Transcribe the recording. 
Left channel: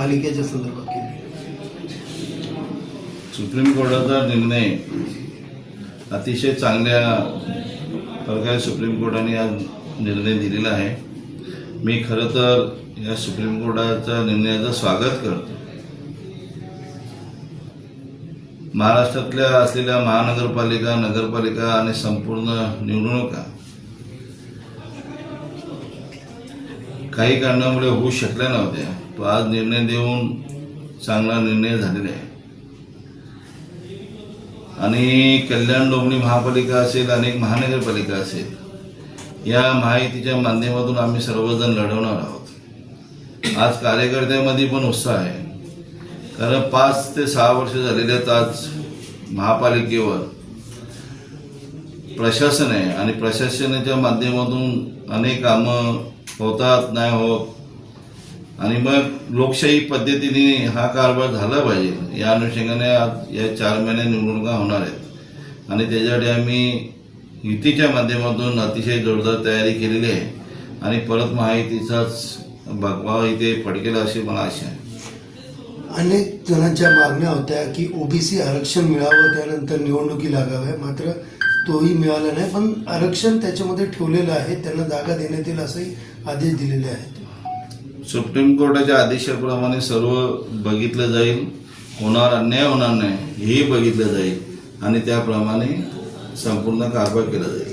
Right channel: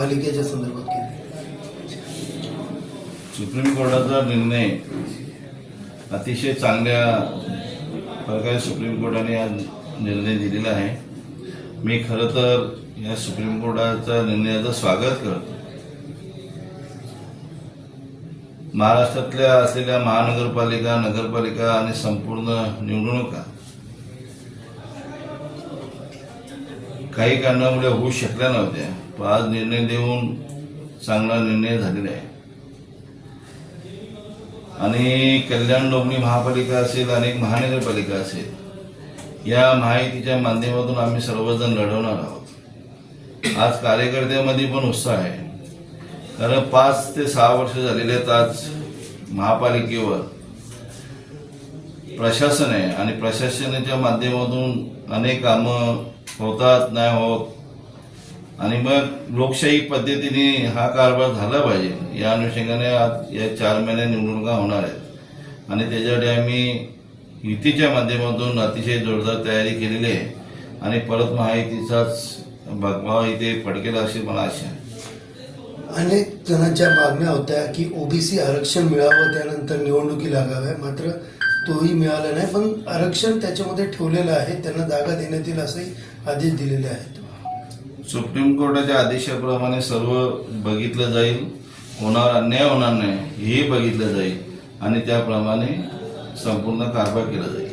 पालिकेच्या संदर्भात केली. सुप्रीम कोर्टाचा निर्णय अतिशय चांगल्या प्रकारे सुप्रीम कोर्टाने आज निर्णय दिलेला आहे. मी खरं तर या सुप्रीम कोर्टाच्या निर्णयाचं स्वागत करतो. महाराष्ट्रातल्या असलेल्या महानगरपालिका नगरपालिका आणि संपूर्ण निवडणुका काही कारणामुळे होऊ शकल्या नव्हत्या पण आज निर्णय देऊन चांगला निर्णय झालेला आहे. आणि कल्याण डोंबिवली महापालिका असेल अनेक महानगरपालिका असेल या माहितीच्या माध्यमातून आम्ही सर्वजण लढवणार आहोत. आज कार्यकर्त्यामध्ये पण उत्साह आहे. कारण पाच ते सहा वर्ष झालेले आहेत आज महापालिकेवर. प्रशासन आहे आणि प्रशासनाच्या माध्यमातून अनेक कामं होतात नाही होत. आणि मग लोकशाही पद्धतीने हा कारभार झाला पाहिजे. या अनुषंगाने आज या चार महिने निवडणुका होणार आहेत. आणि त्याच्यासाठी आम्ही युतीच्या माध्यमातून अतिशय जोरदार तयारी केलेली आहे. आणि परत महायुतीचाच भगवा इथे पडकेला अशी मला आशा आहे. अनेक जणांच्या मागण्या होत्या की ओबीसी आरक्षण मिळावं त्यानंतर निवडणुकी लागाव्या. मात्र तोही मिळाला नाही पण आरक्षण त्याच्यामध्ये ठेवलेलं आहे. त्यांना जागा देण्यात येईल असंही आदेश दिलेले आहेत. सुप्रीम कोर्टाच्या आदेशाप्रमाणे सर्व बघितलं जाईल. होणार अन्याय होणार नाही हेही बघितलं जाईल. आणि त्याप्रमाणे संपूर्ण कारभार केला जाईल.